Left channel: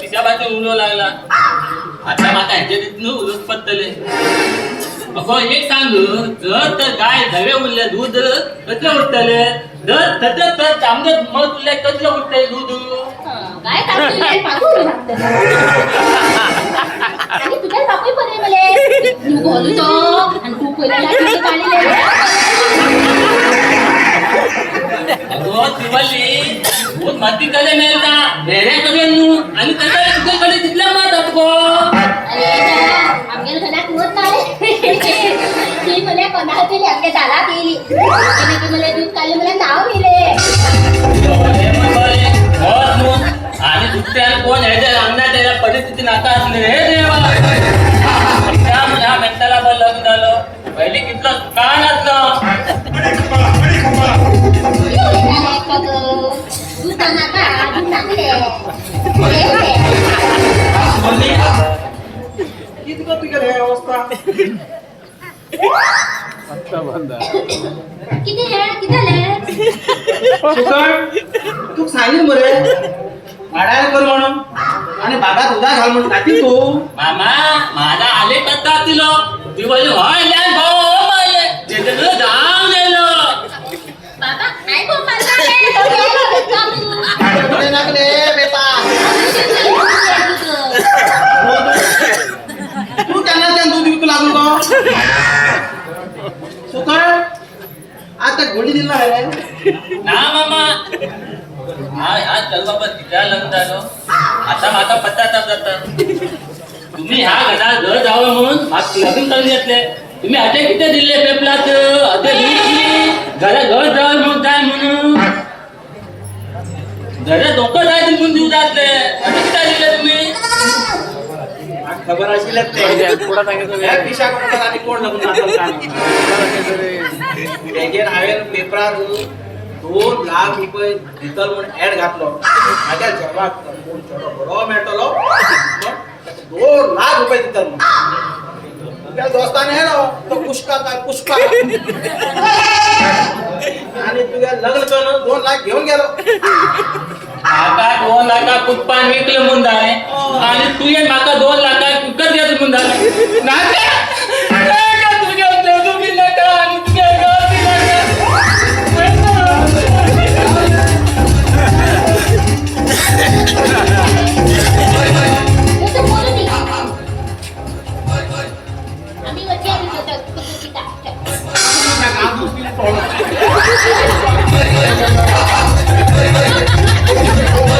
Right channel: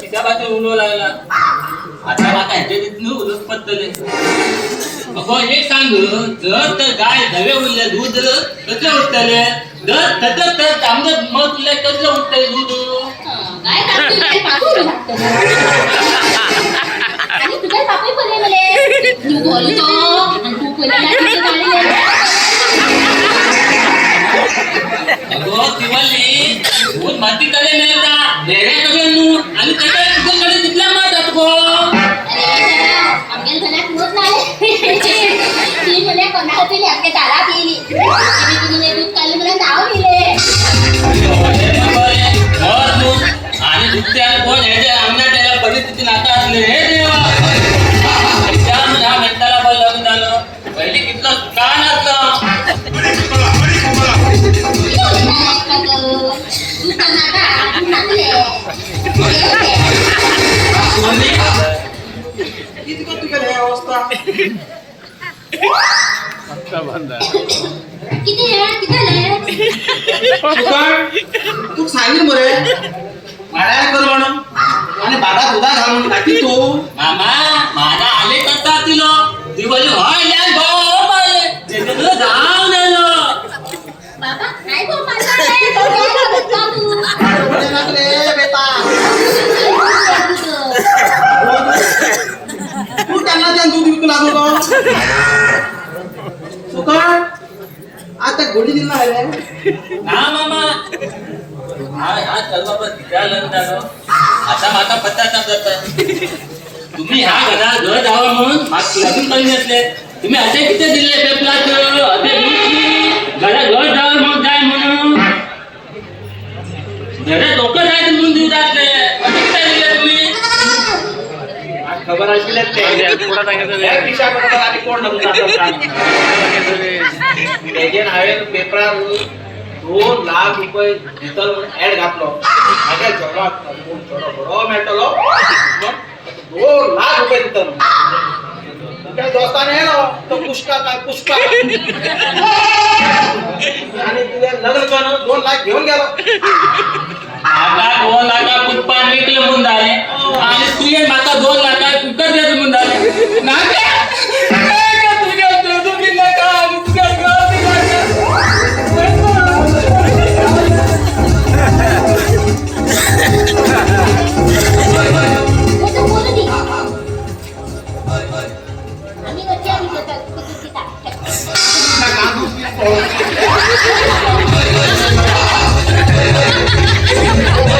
तिच्या बाजू उलो लागला आता माका ह्याच्या उलट पत्तले अगो एक सांग जर तर गाय धवे उरले दूध कसले उठतले जर तसंच तर तांबडं मग तुला कसलं उठतंय दूध काय आणि तुझ्या बापू पडले मले तू बोलतो आणि तू पडला अगो तिवली बहुत माती कडे नाही का ढेरे कडे नू आणि त्याच्या कडे तिथला मात असतो अरे आमच्या घरात होत नाही ती मला कोणा होती आमच्या दारात येईल आणि तुम्हाला दूध काढलं मला नाव दिले आणि दुसऱ्या कोण ह्याच्या आमच्या त्याला परिस्थिती नाता असले हे देवा त्या मेंटाला बल लग्न झालं पहिले कितलं कान असलं तू सांगितलं बरे भाड्याला कर म्हणून आणि भाड्यात उदा घाल म्हणून टाकी तू मामा माझा आले करता तिलो दिवाळी व्हायला भाऊ माले जेजलो जाऊ नेलो बाबा नाही कोण माझा बरे लागले बेटा तू त्यांना त्या दूध विकू लागू नको सुका आता गोडी दिला आहे ना मामा हा चल बाबा तिला लग्न आता माझा पत्ता जात तुम्ही ह्या घरात घर जावं म्हणून लग्न करून घेतले तुम्ही असे किती दिले पेपलात असे घरात घर जावं मग जाय म्हणून घरात डोकं जायचं म्हणून देऊ जातले असे काय दिले तुम्ही खबर असली पेपरार 2 लाख रुपये दितल म्हणून ऍड घातलो माझ्या जगात बरो मेळटलो 2 लाख रुपये दितल तुझ्या दोस्ताने येलो तो पुष्का काय पुष्का आणि तुझ्या लग्न करून 2 लाख घेऊन गेलो आता 2 लाख पुष्पा विकले म्हणून झाले आणि तू ये